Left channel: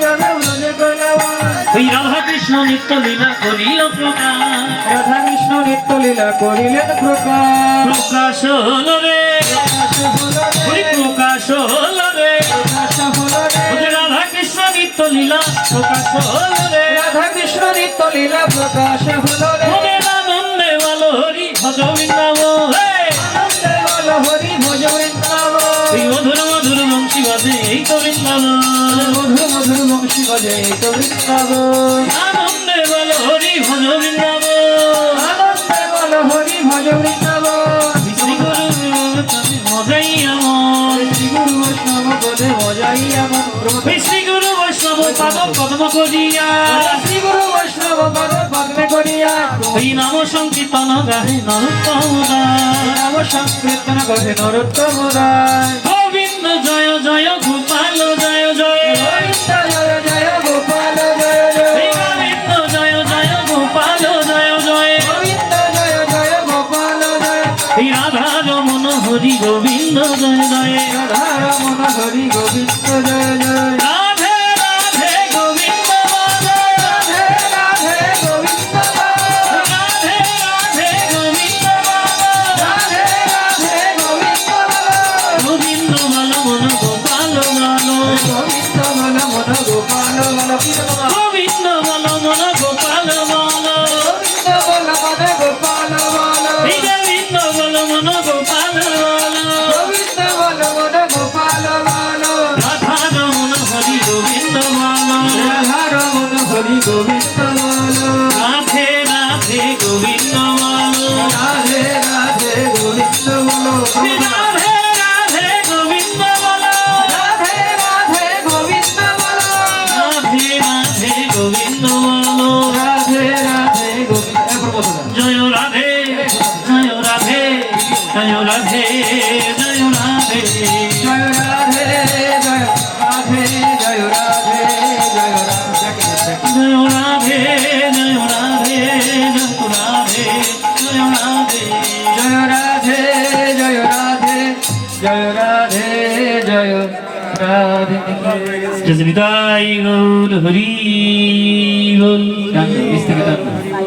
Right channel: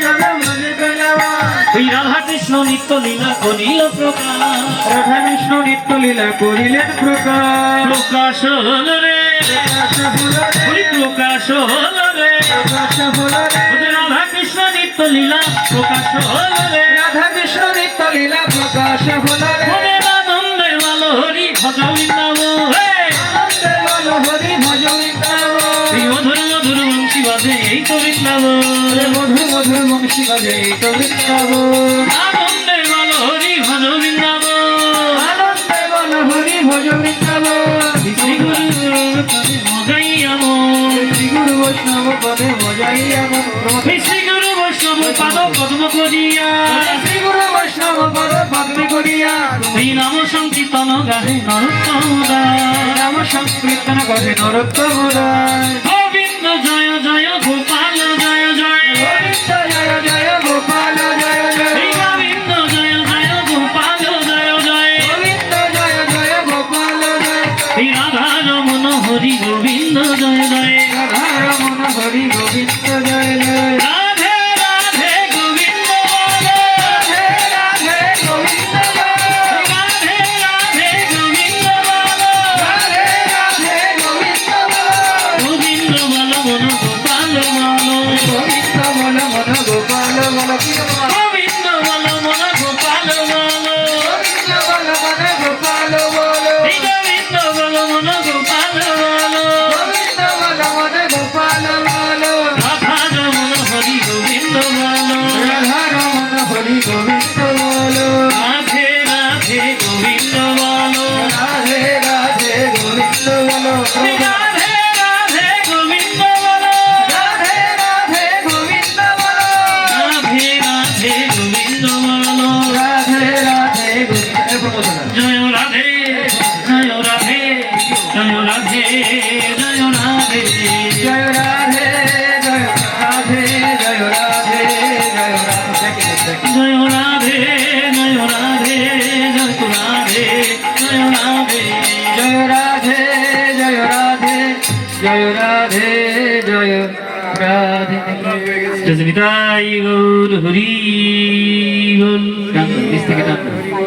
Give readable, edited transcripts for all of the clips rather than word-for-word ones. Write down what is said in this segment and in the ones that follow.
যাবে ব্রজে কইলবা রাধা কৃষ্ণ নিত্য লীলা করিল প্রকাশ রাধা কৃষ্ণ নিত্য লীলা করিলেন প্রকাশ হল রে প্রকাশ হল রে রাধা কৃষ্ণ নিত্য লীলা প্রকাশ হল রে রাধা কৃষ্ণ নিত্য লীলা প্রকাশ হল রে আনন্দে বলো হরি ভজ বৃন্দাব আনন্দে বলো হরি ভজ বৃন্দাব মধুর মধুর বংশী বাজে এই তো বৃন্দাব মধুর মধুর বংশী বাজে এই তো বৃন্দাব আনন্দে বলো হরি ভজ বৃন্দাব আনন্দে বলো হরি ভজ বৃন্দাব শ্রী গুরু মজাই আমন শ্রী গুরু বৈষ্ণব পদে মজাই এমন শ্রী গুরু বৈষ্ণব পাদ পদ্ম করিয়া শ্রী গুরু বৈষ্ণব পদ পদ্মে করিয়া এই নাম সংকীর্তন গাহে নরোত্তম দাস নাম সংকীর্তন করে নরোত্তম রায় গোবিন্দ জয় জয় গোপাল জয় জয় গোবিন্দ জয় জয় গোপাল জয় জয় এই গোবিন্দ জয় জয় গোপাল জয় জয় গোবিন্দ জয় জয় গোপাল জয় এই রাধা রমন হরি গোবিন্দ জয় জয় রাধা রমন হরি গোবিন্দ জয় জয় রাধে রাধে গোবিন্দ বল রাধে রাধে গোবিন্দ রাধে রাধে গোবিন্দ বল রাধে রাধে গোবিন্দ গোবিন্দ বল মন গোপাল বল গোবিন্দ মন মন গোপাল বল গোবিন্দ বল মন গোপাল বল গোবিন্দ বল মন গোপাল বল এই গোবিন্দ বল মন গোপাল বল গোবিন্দ বল মন গোপাল বল রাধা রমন হরি গোবিন্দ বল রাধা রমন হরি গোবিন্দ বল রাধে রাধে গোবিন্দ বল রাধে রাধে গোবিন্দ বল রাধে রাধে গোবিন্দ বল রাধে রাধে গোবিন্দ বল রাধে রাধে গোবিন্দ বল রাধে রাধে গোবিন্দ জয় রাধে জয় রাধে জয় রাধে জয় রাধে জয় রাধে জয় রাধে জয় রাধে জয় রাধে জয় রাধে জয় রাধে জয় রাধে জয় রাধে জয় রাধে জয় রাধে জয় রাধে জয় রাধে জসবিতাই গৌর হরি বল ডান দিক থেকে টান হরি বল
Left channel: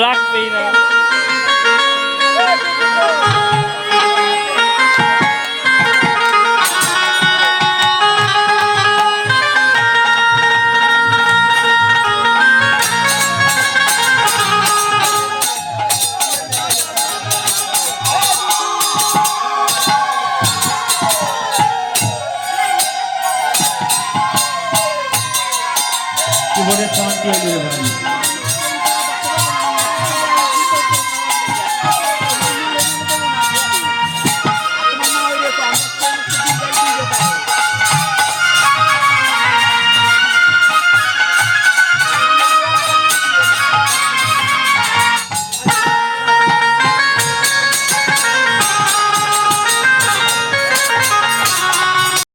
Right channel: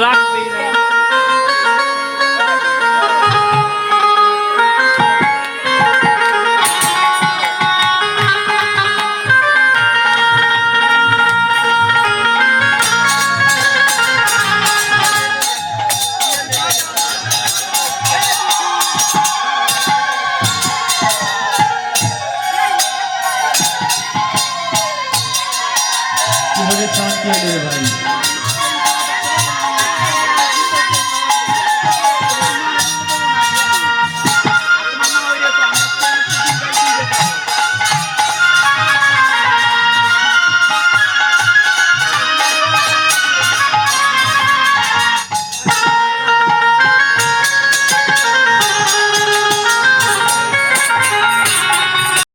রাখবেই না